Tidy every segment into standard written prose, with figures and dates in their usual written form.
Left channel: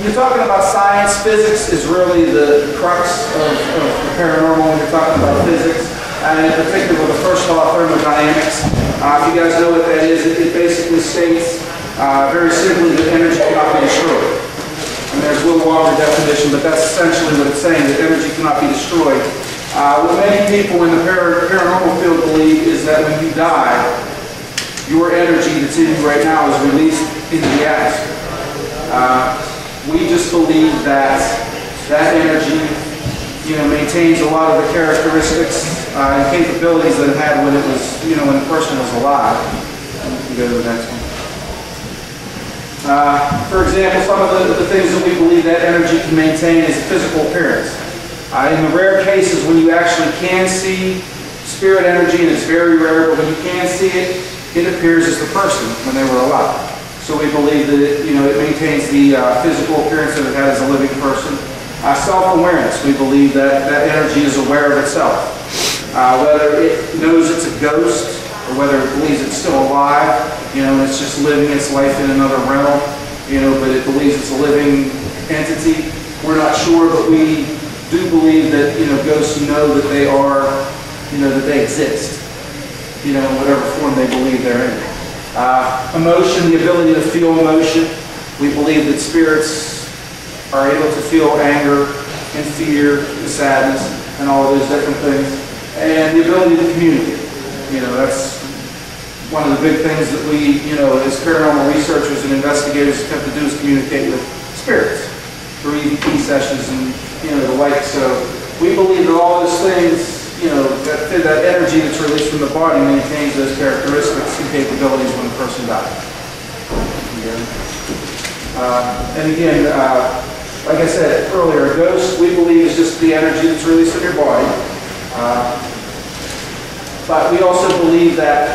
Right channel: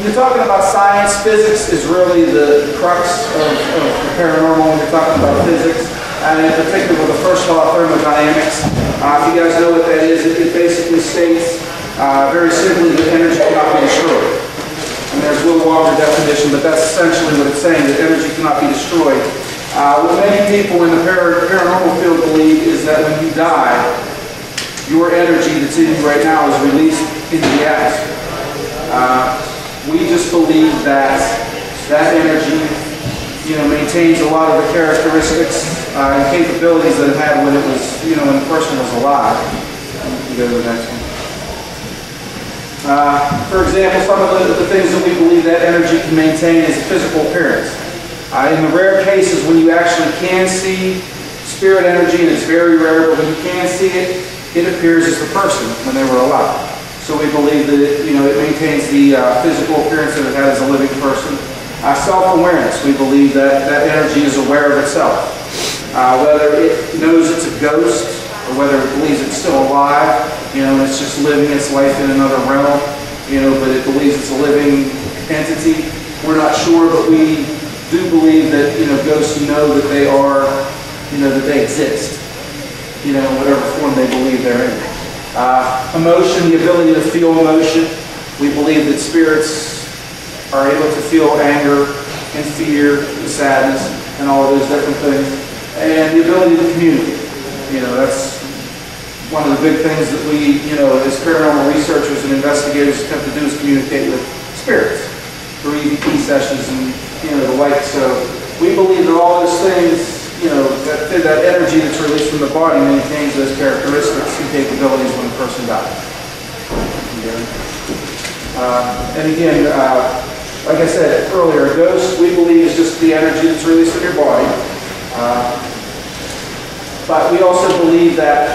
When you're talking about science, physics is really the crux of the paranormal when you're talking about physics, and in particular with the first law of thermodynamics. If you guys know what that is, it basically states very simply that energy cannot be destroyed. And there's a little longer definition, but that's essentially what it's saying, that energy cannot be destroyed. What many people in the paranormal field believe is that when you die, your energy that's in you right now is released into the atmosphere. We just believe that that energy, maintains a lot of the characteristics and capabilities that it had when it was, when the person was alive. We can go to the next one. For example, some of the things that we believe that energy can maintain is a physical appearance. In the rare cases when you actually can see spirit energy, and it's very rare, but when you can see it, it appears as the person when they were alive. So we believe that it maintains the physical appearance that it had as a living person. Self-awareness, we believe that that energy is aware of itself. Whether it knows it's a ghost, or whether it believes it's still alive, and it's just living its life in another realm, but it believes it's a living entity. We're not sure, but we do believe that, ghosts know that they are, that they exist, in whatever form they believe they're in. Emotion, the ability to feel emotion. We believe that spirits are able to feel anger and fear and sadness and all of those different things. And the ability to communicate. That's one of the big things that we, as paranormal researchers and investigators attempt to do is communicate with spirits through EVP sessions and, the like. So we believe that all those things, that energy that's released from the body maintains those characteristics and capabilities when the person dies. And again, like I said earlier, a ghost, we believe, is just the energy that's released from your body. But we also believe that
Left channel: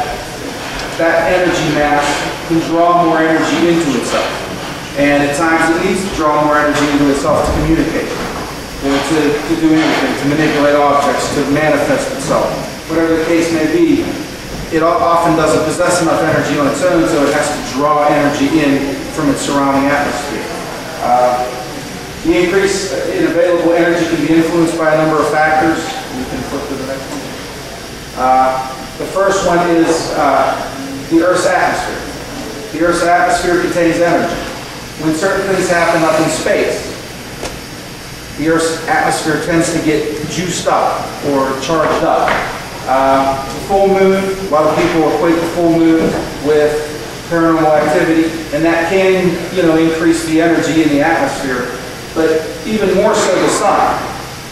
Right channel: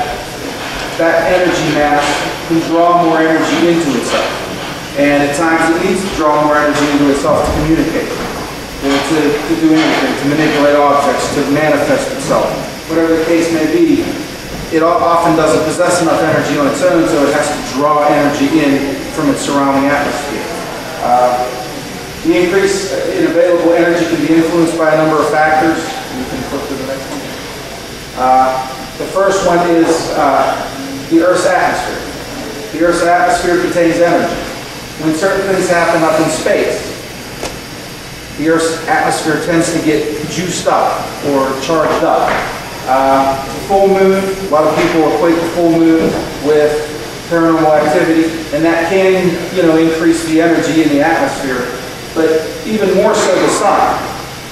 that energy mass can draw more energy into itself. And at times it needs to draw more energy into itself to communicate, to do anything, to manipulate objects, to manifest itself. Whatever the case may be, it often doesn't possess enough energy on its own, so it has to draw energy in from its surrounding atmosphere. The increase in available energy can be influenced by a number of factors. You can flip to the next one. The first one is the Earth's atmosphere. The Earth's atmosphere contains energy. When certain things happen up in space, the Earth's atmosphere tends to get juiced up or charged up. The full moon, a lot of people equate the full moon with paranormal activity, and that can, increase the energy in the atmosphere. But even more so, the sun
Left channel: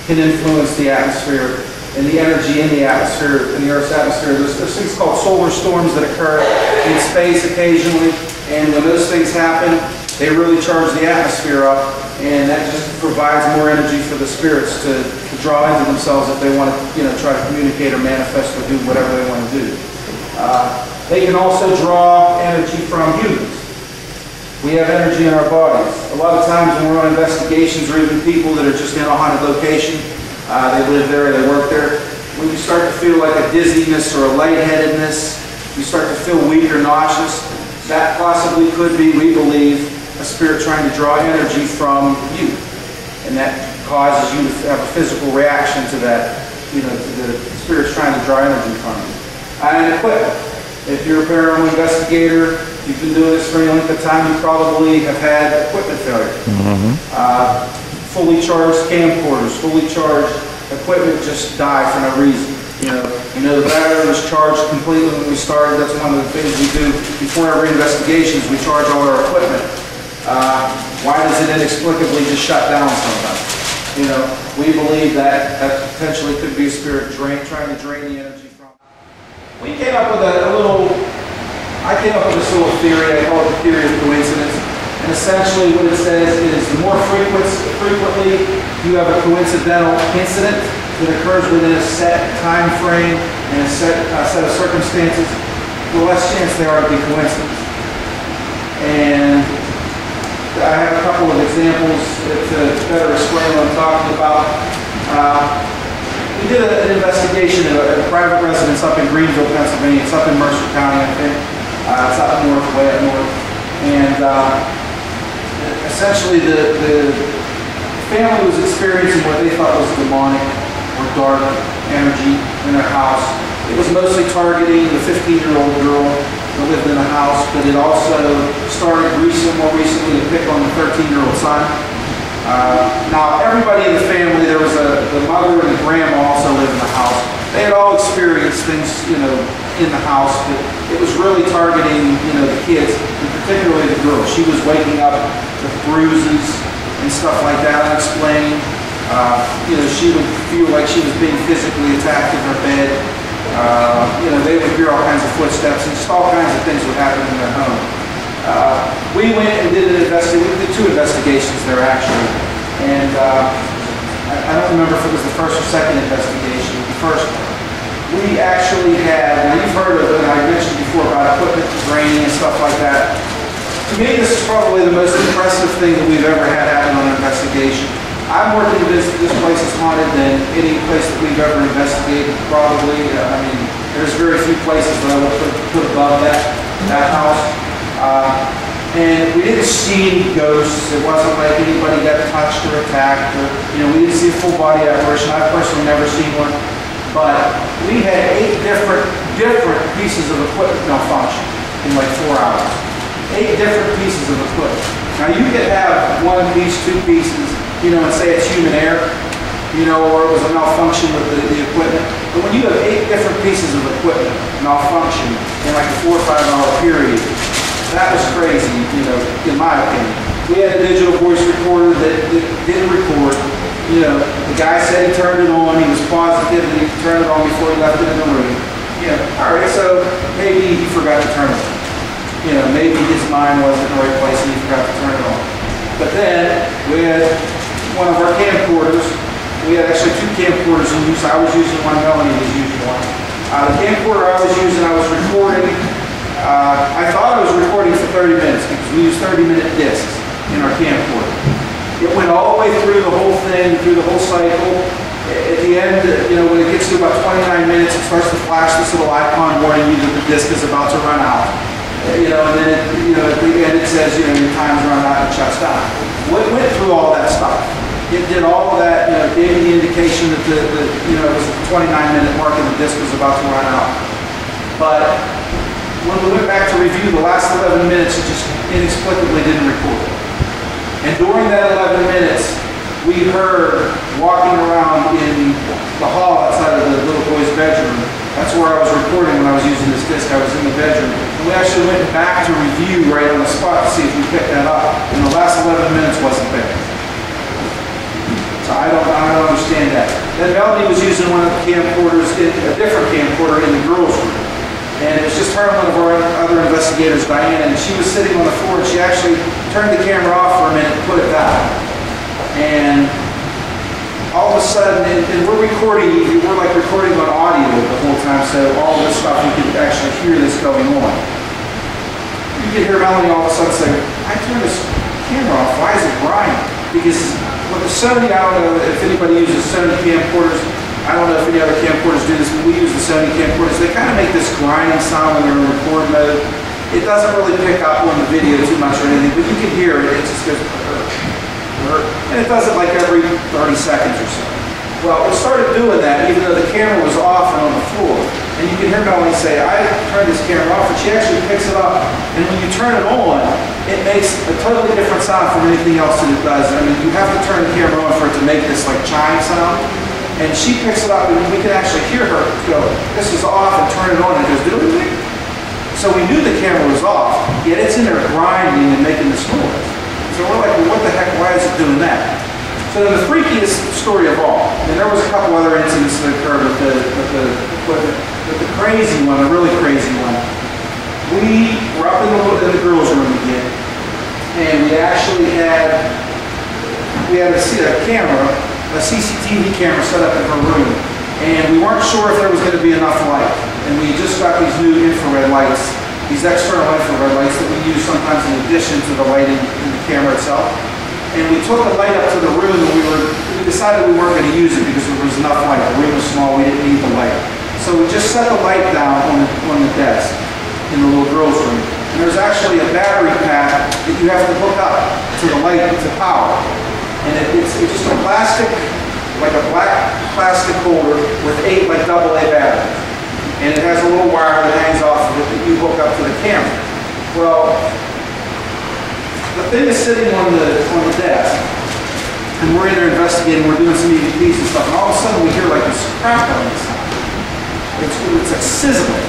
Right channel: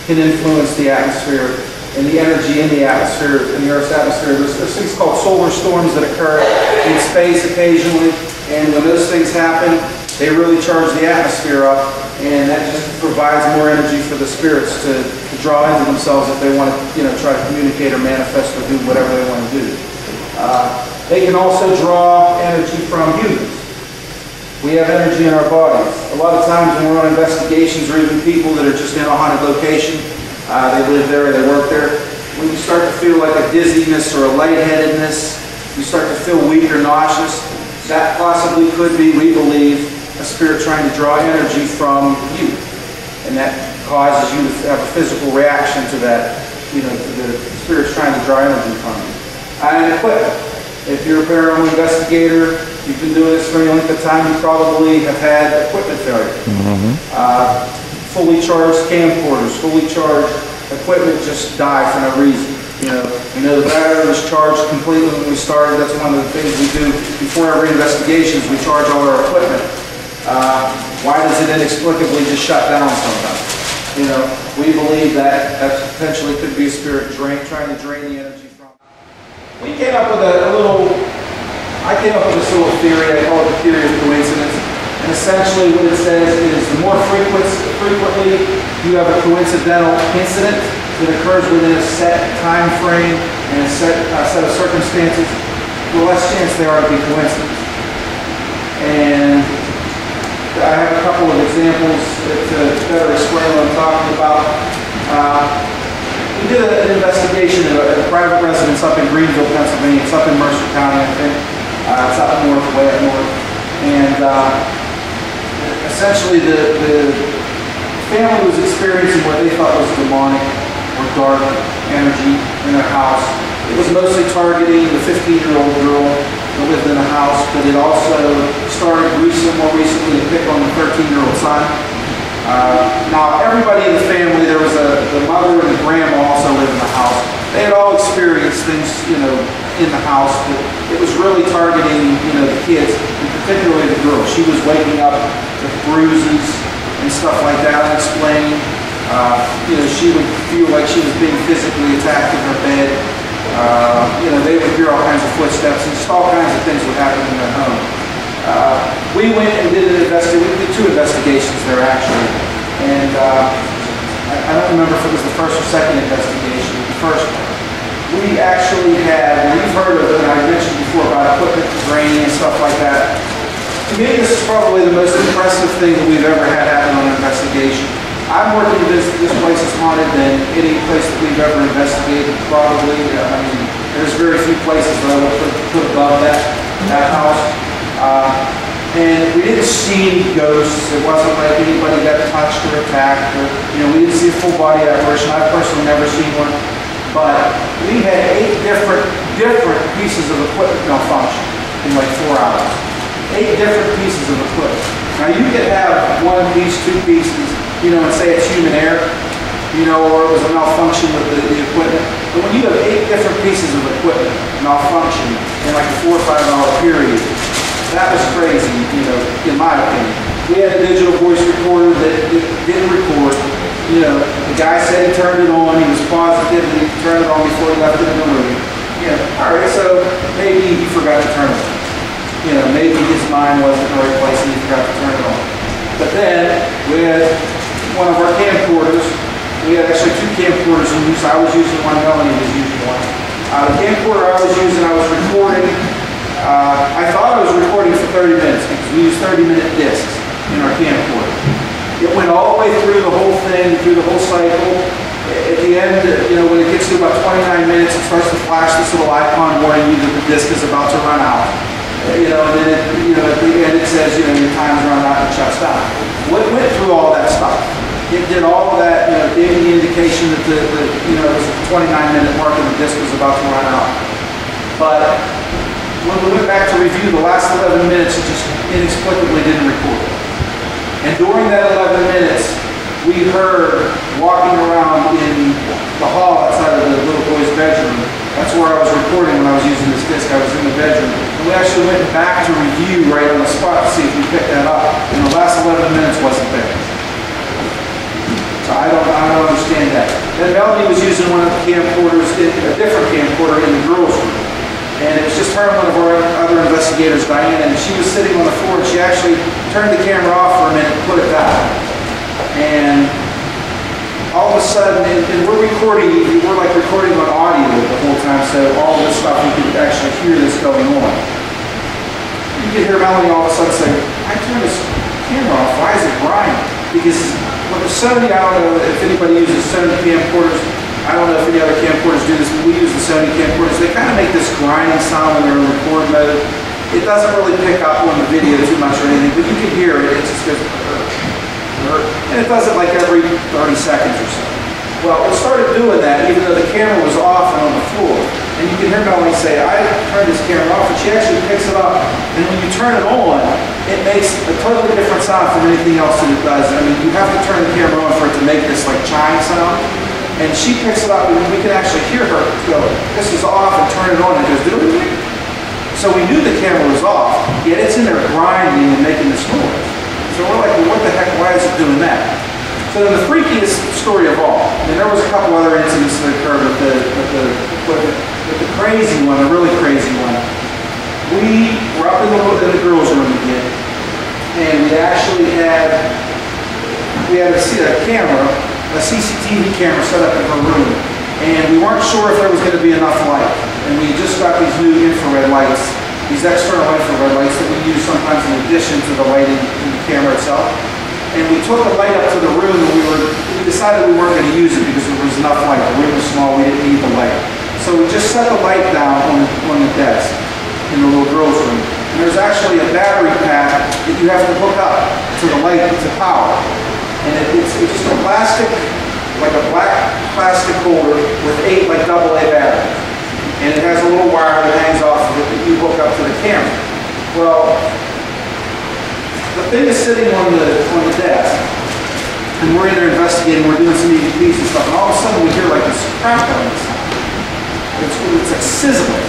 can influence the atmosphere and the energy in the atmosphere, in the Earth's atmosphere. There's things called solar storms that occur in space occasionally, and when those things happen, they really charge the atmosphere up, and that just provides more energy for the spirits to draw into themselves if they want to, try to communicate or manifest or do whatever they want to do. They can also draw energy from humans. We have energy in our bodies. A lot of times when we're on investigations, or even people that are just in a haunted location, they live there, they work there, when you start to feel like a dizziness or a lightheadedness, you start to feel weak or nauseous, that possibly could be, we believe, a spirit trying to draw energy from you. And that causes you to have a physical reaction to that, to the spirit's trying to draw energy from you. And equipment. If you're a paranormal investigator, you've been doing this for any length of time, you probably have had equipment failure. Fully charged camcorders, fully charged equipment just die for no reason. The battery was charged completely when we started. That's one of the things we do before every investigation is we charge all our equipment. Why does it inexplicably just shut down sometimes? We believe that potentially could be a spirit trying to drain the energy from it. We came up with I came up with this little theory. I call it the theory of coincidence. And essentially what it says is the more frequently you have a coincidental incident that occurs within a set time frame and a set of circumstances, the less chance there are to be coincidence. And I have a couple of examples to better explain what I'm talking about. We did an investigation at a private residence up in Greenville, Pennsylvania. It's up in Mercer County, I think. It's up north, way up north. And essentially the family was experiencing what they thought was demonic or dark energy in their house. It was mostly targeting the 15-year-old girl that lived in the house, but it also started more recently to pick on the 13-year-old son. Now, everybody in the family, there was the mother and the grandma also lived in the house. They had all experienced things, in the house, but it was really targeting, the kids, and particularly the girl. She was waking up with bruises and stuff like that, unexplained. She would feel like she was being physically attacked in her bed. They would hear all kinds of footsteps, and just all kinds of things would happen in their home. We went and did we did 2 investigations there actually, and I don't remember if it was the first or second investigation. The first one, we actually had, now you've heard of it, and I mentioned before about equipment draining and stuff like that. To me, this is probably the most impressive thing that we've ever had happen on an investigation. I'm more convinced that this place is haunted than any place that we've ever investigated, probably. There's very few places that I would put above that house. And we didn't see any ghosts. It wasn't like anybody got touched or attacked, or we didn't see a full body apparition. I've personally never seen one. But we had 8 different pieces of equipment malfunction in like 4 hours. 8 different pieces of equipment. Now you could have 1 piece, 2 pieces, and say it's human error, or it was a malfunction with the equipment. But when you have 8 different pieces of equipment malfunction in like a 4 or 5 hour period, that was crazy, in my opinion. We had a digital voice recorder that didn't record. The guy said he turned it on. He was positive that he turned it on before he left it in the room. All right, so maybe he forgot to turn it on. Maybe his mind wasn't in the right place and he forgot to turn it on. But then we had one of our camcorders. We had actually 2 camcorders in use. I was using one, Melanie was using one. The camcorder I was using, I was recording. I thought I was recording for 30 minutes because we use 30-minute discs in our camcorder. It went all the way through the whole thing, through the whole cycle. At the end, when it gets to about 29 minutes, it starts to flash this little icon warning you that the disc is about to run out. And then at the end it says, your time's run out and it shuts down. Well, it went through all that stuff. It did all of that, gave me the indication that it was the 29-minute mark and the disc was about to run out. But when we went back to review the last 11 minutes, it just inexplicably didn't record. And during that 11 minutes, we heard walking around in the hall outside of the little boy's bedroom. That's where I was recording when I was using this disc. I was in the bedroom. And we actually went back to review right on the spot to see if we picked that up. And the last 11 minutes wasn't there. So I don't understand that. Then Melanie was using one of the camcorders, a different camcorder in the girls' room. And it was just her and one of our other investigators, Diana, and she was sitting on the floor and she actually turned the camera off for a minute and put it back. And all of a sudden, and we're recording on audio the whole time, so all of this stuff, you could actually hear this going on. You could hear Melanie all of a sudden say, I turned this camera off, why is it grinding? Because with the Sony, I don't know if anybody uses Sony camcorders, I don't know if any other camcorders do this, but we use the Sony camcorders. They kind of make this grinding sound when they're in record mode. It doesn't really pick up on the video too much or anything, but you can hear it. It just goes, and it does it like every 30 seconds or so. Well, it started doing that even though the camera was off and on the floor. And you can hear Melanie say, I turned this camera off, and she actually picks it up. And when you turn it on, it makes a totally different sound from anything else that it does. You have to turn the camera on for it to make this like chime sound. And she picks it up, and we can actually hear her go, this is off, and turn it on, and it goes, doo-doo-doo. So we knew the camera was off, yet it's in there grinding and making this noise. So we're like, well, what the heck, why is it doing that? So the freakiest story of all, and there was a couple other incidents that occurred with the crazy one, the really crazy one. We were up in the girls' room again, and we actually had a camera, a CCTV camera set up in her room, and we weren't sure if there was going to be enough light. And we just got these new infrared lights, these external infrared lights that we use sometimes in addition to the lighting in the camera itself. And we took the light up to the room, and we decided we weren't going to use it because there was enough light. The room was small, we didn't need the light. So we just set the light down on the desk in the little girls' room. And there's actually a battery pack that you have to hook up to to the light to power. And it's just a plastic, like a black plastic holder with 8 like AA batteries. And it has a little wire that hangs off of it that you hook up to the camera. Well, the thing is sitting on the desk, and we're in there investigating, we're doing some EVPs and stuff, and all of a sudden we hear like this crackling sound. It's like sizzling,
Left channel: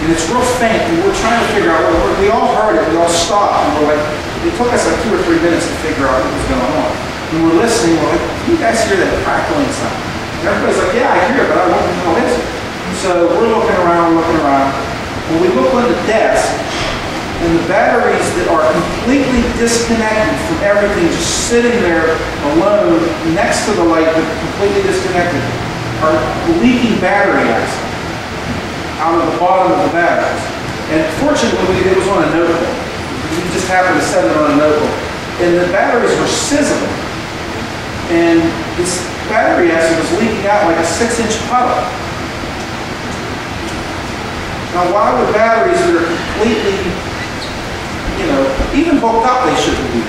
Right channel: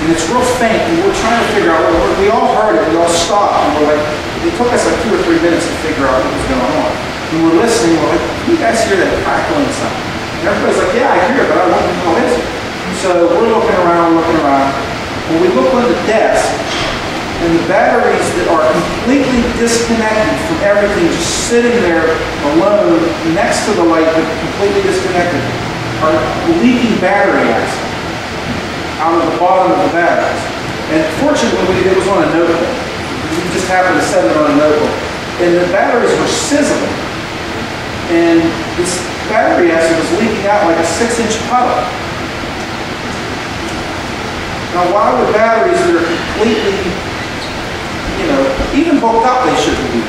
and it's real faint, and we're trying to figure out, we all heard it, we all stopped, and we're like, it took us like 2 or 3 minutes to figure out what was going on. And we're listening, we're like, you guys hear that crackling sound? And everybody's like, yeah, I hear it, but I don't know what it is. So we're looking around. When we look on the desk, and the batteries that are completely disconnected from everything, just sitting there alone next to the light, but completely disconnected, are leaking battery acid out of the bottom of the batteries. And fortunately, it was on a notebook. We just happened to set it on a notebook. And the batteries were sizzling. And this battery acid was leaking out like a 6-inch puddle. Now, why would batteries that are completely, even hooked up, they shouldn't be.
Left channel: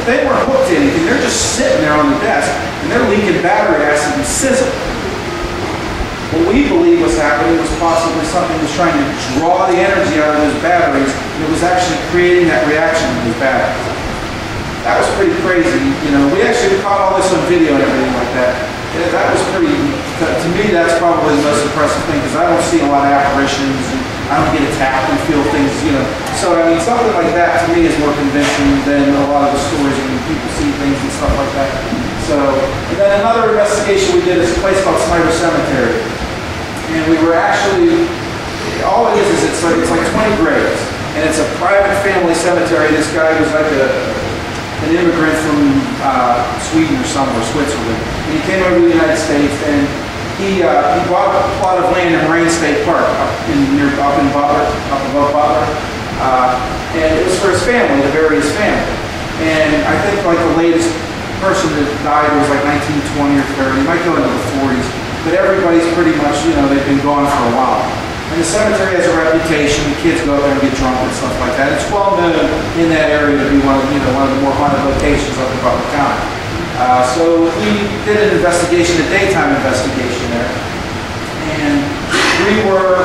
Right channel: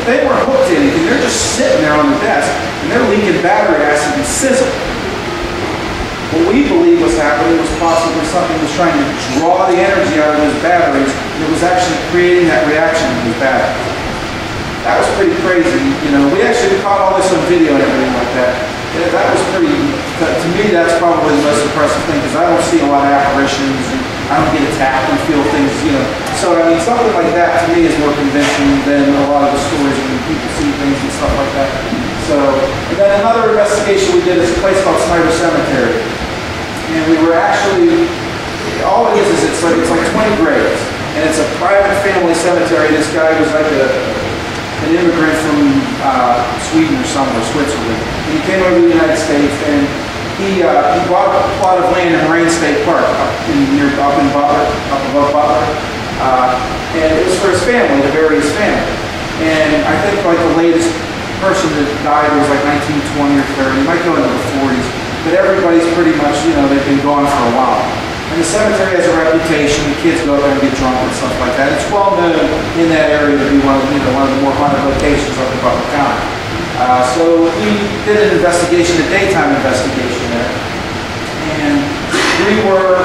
If they weren't hooked to anything, they're just sitting there on the desk, and they're leaking battery acid and sizzle. What we believe was happening was possibly something was trying to draw the energy out of those batteries, and it was actually creating that reaction in those batteries. That was pretty crazy. We actually caught all this on video and everything like that. And that was pretty, to me, that's probably the most impressive thing, because I don't see a lot of apparitions, and I don't get attacked and feel things, So, I mean, something like that to me is more convincing than a lot of the stories when people see things and stuff like that. So, and then another investigation we did is a place called S.C.A.R.E Cemetery. And we were actually, all it is it's like 20 graves. And it's a private family cemetery. This guy was like an immigrant from Sweden or somewhere, Switzerland. And he came over to the United States, and he bought a plot of land in Morguen State Park up above Butler. And it was for his family, to bury his family. And I think like the latest person that died was like 1920 or 30. It might go into the 40s. But everybody's pretty much, they've been gone for a while. And the cemetery has a reputation. The kids go there and get drunk and stuff like that. It's well known in that area to be one of the more haunted locations up in Butler County. So we did an investigation, a daytime investigation there. And we were,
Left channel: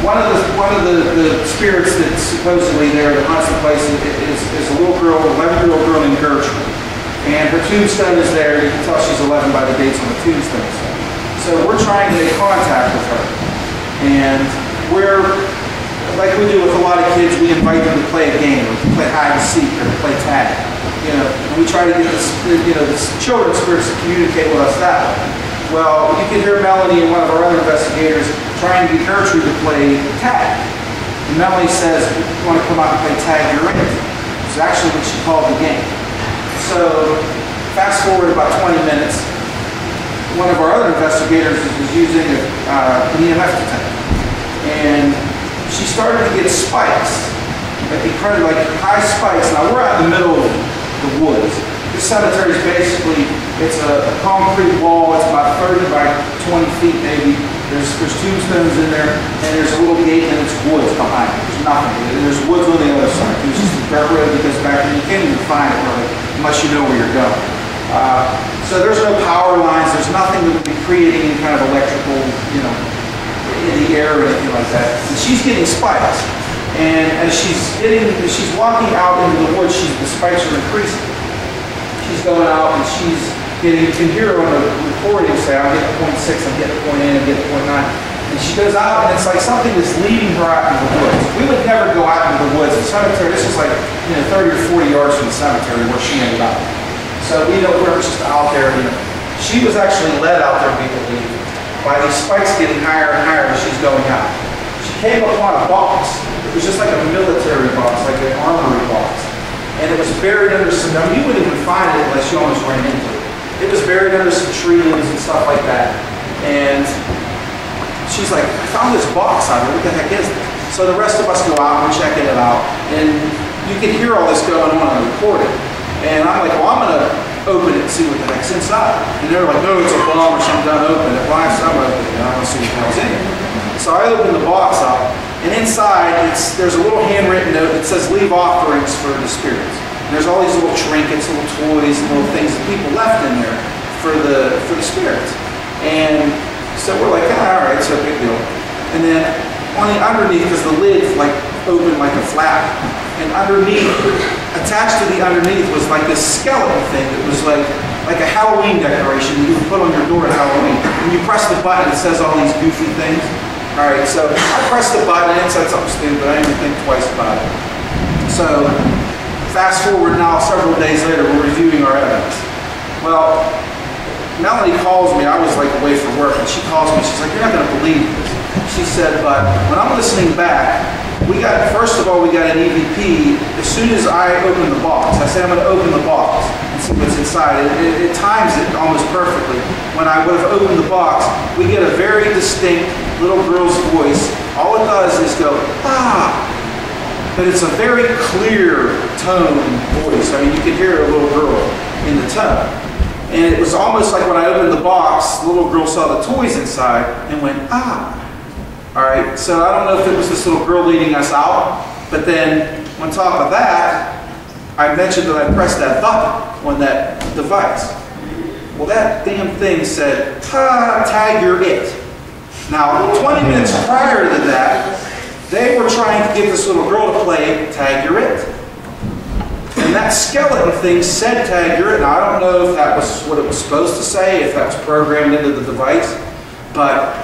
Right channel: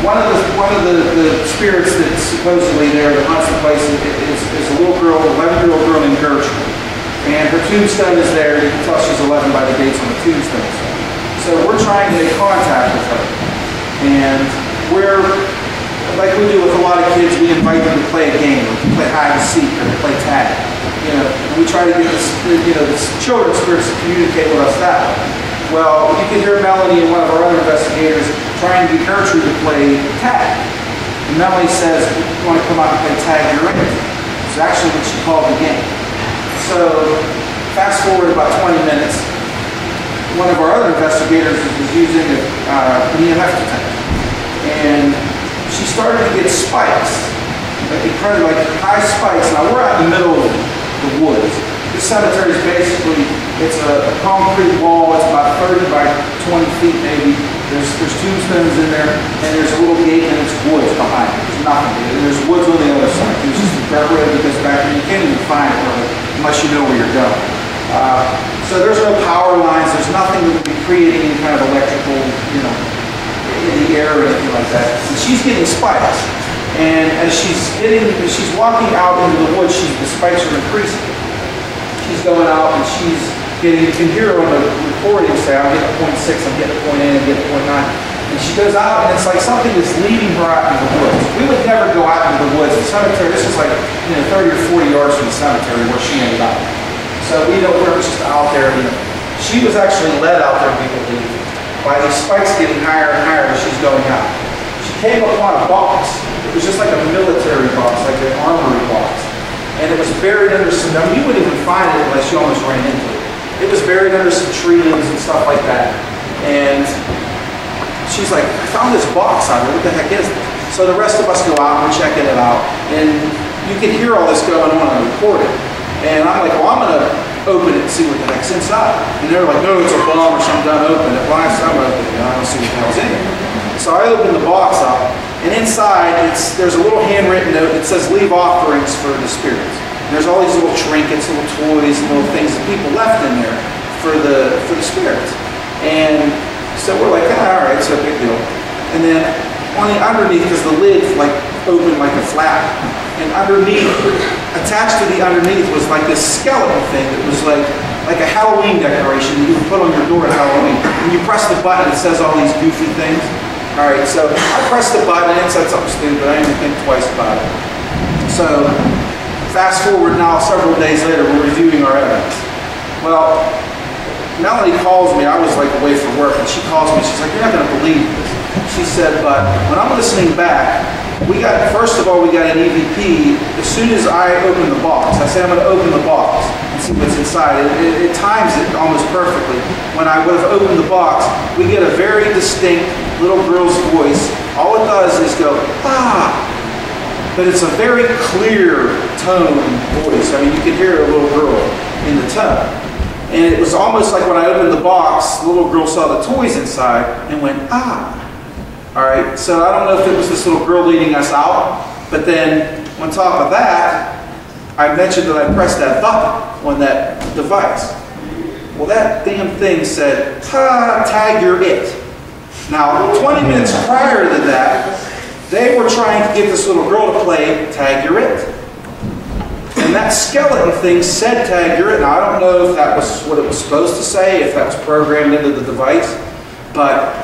one of the spirits that's supposedly there that haunts the place is a little girl, 11-year-old girl named Gertrude. And her tombstone is there. You can tell she's 11 by the dates on the tombstone. So we're trying to make contact with her. And we're, like we do with a lot of kids, we invite them to play a game, or to play hide and seek, or to play tag. And we try to get this children's spirits to communicate with us that way. Well, you can hear Melanie and one of our other investigators trying to get Gertrude to play tag. And Melanie says, "We want to come out and play tag, you're in it." It's actually what she called the game. So, fast forward about 20 minutes. One of our other investigators was using an EMF detector, and she started to get spikes, like high spikes. Now we're out in the middle of the woods. This cemetery is basically, it's a concrete wall. It's about 30 by 20 feet maybe. There's tombstones in there, and there's a little gate, and it's woods behind it. There's nothing. And there's woods on the other side. There's just a dirt road that goes back, and you can't even find it really unless you know where you're going. So there's no power lines, there's nothing that would be creating any kind of electrical, in the air or anything like that. And she's getting spikes. And as she's walking out into the woods, the spikes are increasing. She's going out and she's getting, you can hear her on the recording say, I'm getting 0.6, I'm getting 0.8, I'm getting 0.9. And she goes out and it's like something is leading her out into the woods. We would never go out into the woods. The cemetery, this is like 30 or 40 yards from the cemetery where she ended up. So we know we're just out there. She was actually led out there, we believe, by these spikes getting higher and higher as she's going out. She came upon a box. It was just like a military box, like an armory box. And it was buried under some, you wouldn't even find it unless you almost ran into it. It was buried under some tree limbs and stuff like that. And she's like, I found this box out there, what the heck is this? So the rest of us go out and we're checking it out. And you can hear all this going on the recording. And I'm like, well, I'm going to open it and see what the heck's inside. And they're like, no, it's a bomb or something, don't open it. Well, I'm open it, and I don't see what the hell's in it. So I open the box up, and inside, there's a little handwritten note that says, leave offerings for the spirits. And there's all these little trinkets, little toys, little things that people left in there for the spirits. And so we're like, all right, so big deal. And then on the underneath, because the lid like opened like a flap, and underneath, attached to the underneath was like this skeleton thing that was like a Halloween decoration that you would put on your door at Halloween. When you press the button, it says all these goofy things. All right, so I pressed the button and it said something stupid, but I didn't think twice about it. So fast forward now, several days later, we're reviewing our evidence. Well, Melanie calls me. I was like away for work, and she calls me. She's like, "You're not going to believe this." She said, "But when I'm listening back, first of all, we got an EVP. As soon as I open the box, I said I'm going to open the box and see what's inside. It times it almost perfectly. When I would have opened the box, we get a very distinct little girl's voice. All it does is go, ah. But it's a very clear tone voice. I mean, you can hear a little girl in the tone. And it was almost like when I opened the box, the little girl saw the toys inside and went, ah. All right, so I don't know if it was this little girl leading us out, but then on top of that, I mentioned that I pressed that button on that device. Well, that damn thing said, tag you're it. Now, 20 minutes prior to that, they were trying to get this little girl to play Tag You're It. And that skeleton thing said Tag You're It. Now, I don't know if that was what it was supposed to say, if that was programmed into the device, but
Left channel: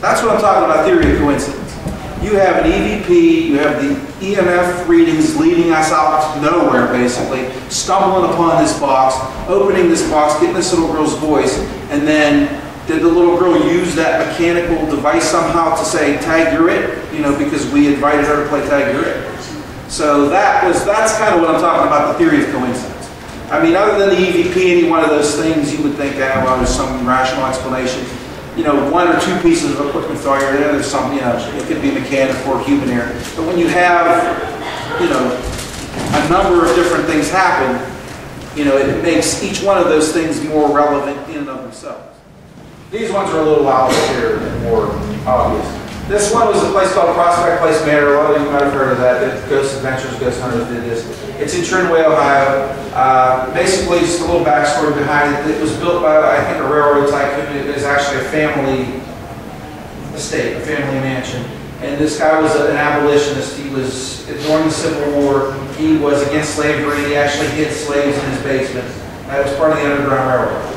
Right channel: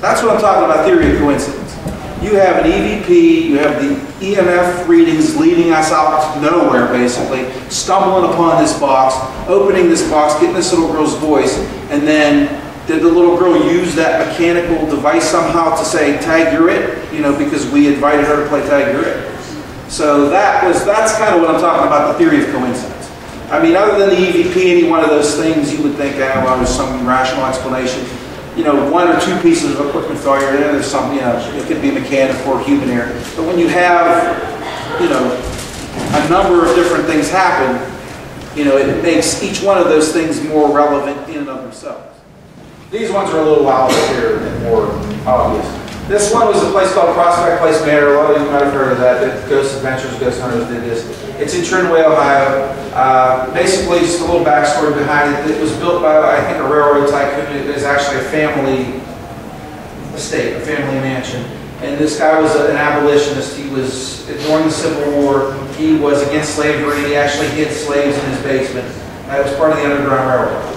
that's what I'm talking about, theory of coincidence. You have an EVP, you have the EMF readings leading us out to nowhere, basically, stumbling upon this box, opening this box, getting this little girl's voice, and then did the little girl use that mechanical device somehow to say, Tag You're It? You know, because we invited her to play Tag You're It. So that's kind of what I'm talking about, the theory of coincidence. I mean, other than the EVP, any one of those things, you would think, well, there's some rational explanation. You know, one or two pieces of equipment failure, then there's some, you know, it could be mechanical or human error. But when you have, you know, a number of different things happen, you know, it makes each one of those things more relevant in and of themselves. These ones are a little louder here and more obvious. This one was a place called Prospect Place Manor. A lot of you might have heard of that. Ghost Adventures, Ghost Hunters did this. It's in Trinway, Ohio. Basically, just a little backstory behind it. It was built by, I think, a railroad tycoon. It is actually a family estate, a family mansion. And this guy was an abolitionist. He was, during the Civil War, he was against slavery. He actually hid slaves in his basement. That was part of the Underground Railroad.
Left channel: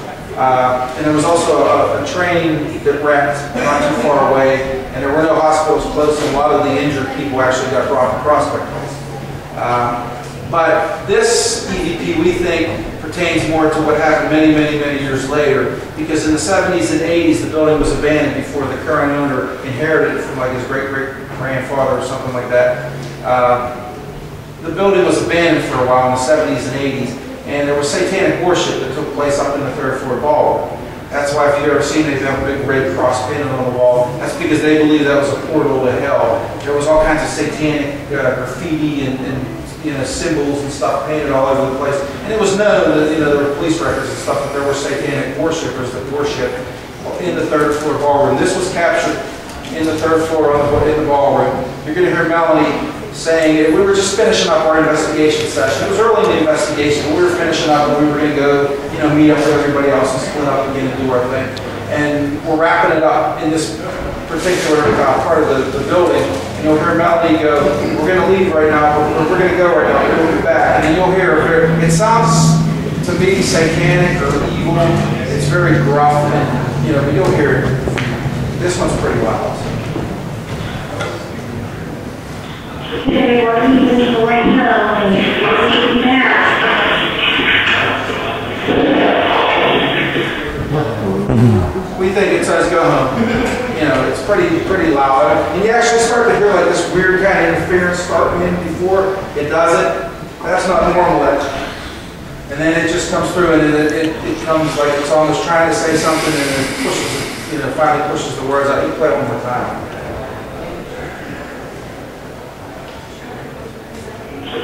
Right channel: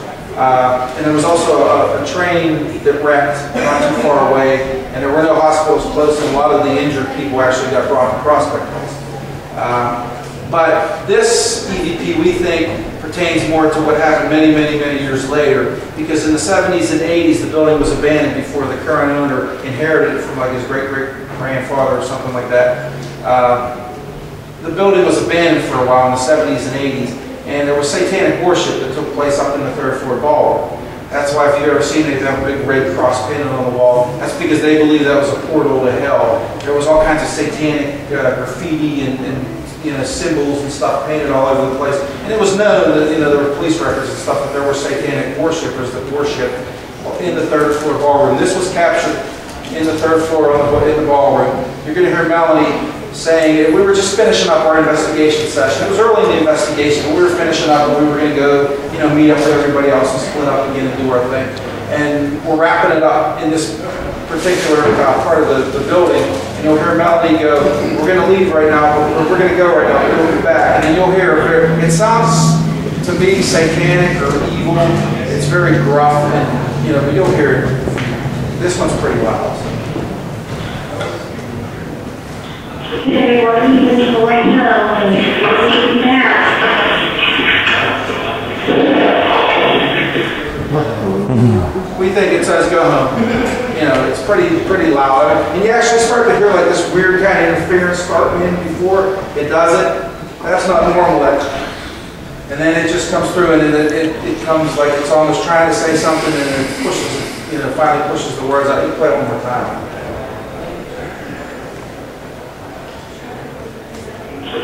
And there was also a train that wrecked not too far away, and there were no hospitals close, and a lot of the injured people actually got brought to Prospect Place. But this EVP, we think, pertains more to what happened many, many, many years later, because in the 70s and 80s, the building was abandoned before the current owner inherited it from like his great-great-grandfather or something like that. The building was abandoned for a while in the 70s and 80s, and there was satanic worship that took place up in the third floor ballroom. That's why if you've ever seen it, they have a big red cross painted on the wall. That's because they believe that was a portal to hell. There was all kinds of satanic graffiti and you know, symbols and stuff painted all over the place. And it was known that, you know, there were police records and stuff that there were satanic worshipers that worshiped in the third floor ballroom. This was captured in the third floor in the ballroom. You're going to hear Melanie saying, we were just finishing up our investigation session. It was early in the investigation, but we were finishing up and we were going to go, you know, meet up with everybody else and split up again and do our thing. And we're wrapping it up in this particular part of the building. And you'll hear Melanie go, we're going to leave right now, we're going to go right now, we'll be back. And then you'll hear, it sounds to me satanic or evil. It's very gruff, and, you know, but you'll hear it. This one's pretty loud. Today we're leaving for right now, and we're leaving now. We think it says go home. You know, it's pretty loud. And you actually start to hear like this weird kind of interference starting in before it does it. That's not normal. And then it just comes through, and it comes like it's almost trying to say something, and it pushes, you know, finally pushes the words out. You play it one more time.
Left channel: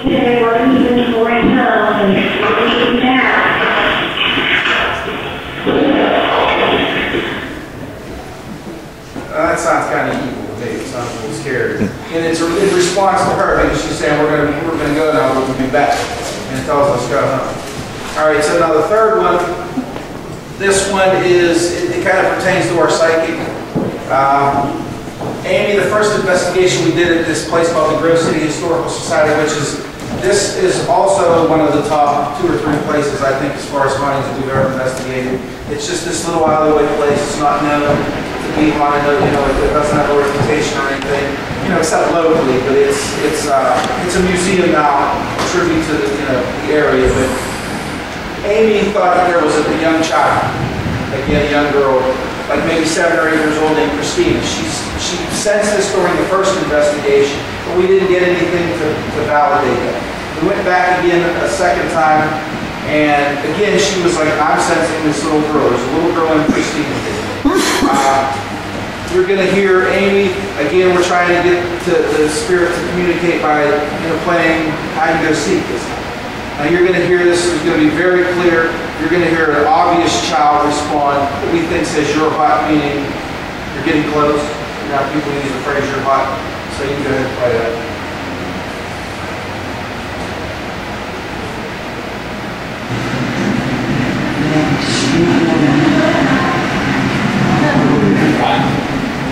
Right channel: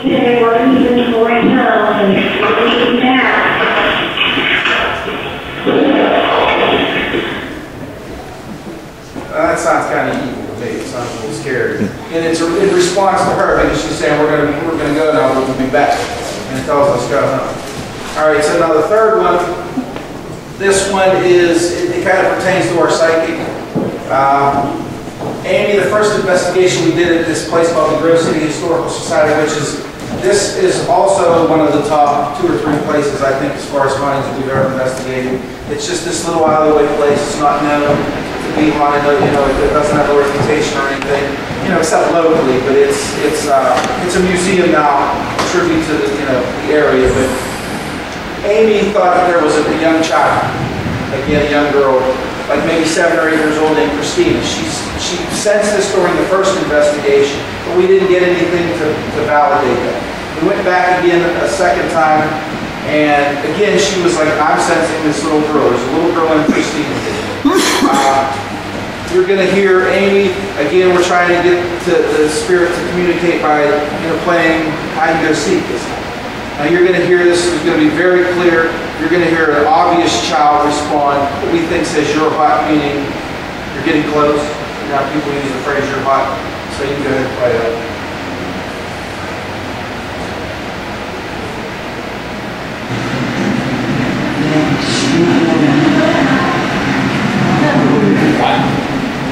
Today we're leaving for right now, and we're leaving now. That sounds kind of evil to me. It sounds a little scary. And it's in response to her, because she's saying we're gonna go now, we'll be back. tells us go home. All right, so now the third one, this one is, it kind of pertains to our psychic. Amy, the first investigation we did at this place called the Grove City Historical Society, this is also one of the top 2 or 3 places, I think, as far as findings that we've ever investigated. It's just this little out-of-the-way place. It's not known to be haunted, it doesn't have a reputation or anything, except locally, but it's a museum now, a tribute to the area. But Amy thought that there was a young child, again, a young girl, like maybe 7 or 8 years old, named Christina. She sensed this during the first investigation, but we didn't get anything to validate that. We went back again a second time, and again, she was like, I'm sensing this little girl. There's a little girl named Christina. You're going to hear Amy, again, we're trying to get the spirit to communicate by playing hide and go seek this time. Now you're going to hear this, it's going to be very clear. You're going to hear an obvious child respond that we think says you're hot, meaning you're getting close. People use the phrase you're hot, so you can go ahead and play that.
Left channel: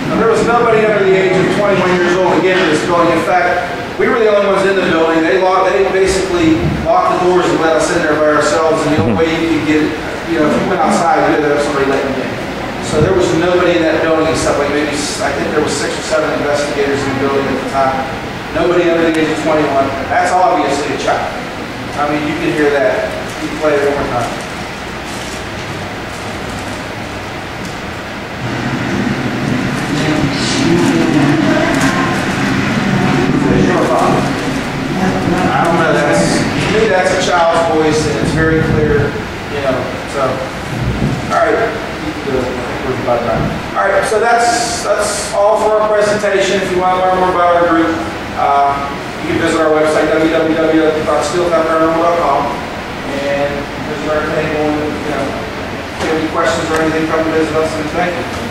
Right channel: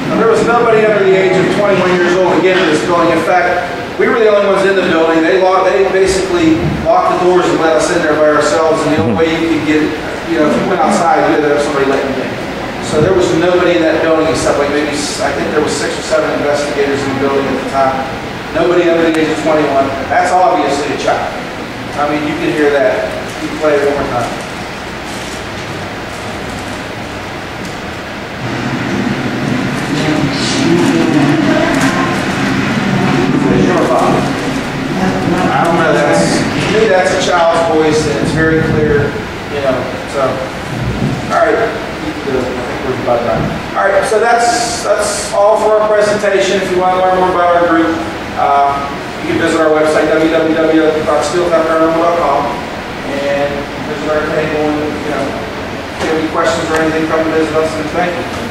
Now, there was nobody under the age of 21 years old to get into this building. In fact, we were the only ones in the building. They basically locked the doors and let us in there by ourselves, and the only way you could get, if you went outside, you had to have somebody letting you in. So there was nobody in that building except like maybe, I think there was 6 or 7 investigators in the building at the time. Nobody under the age of 21. That's obviously a child. I mean, you can hear that. You can play it one more time. I don't know, to me that's a child's voice and it's very clear, so, all right, all right, so that's all for our presentation. If you want to learn more about our group, you can visit our website, www.steeltoparanormal.com, and visit our table, and, if you have any questions or anything, come visit us, and thank you.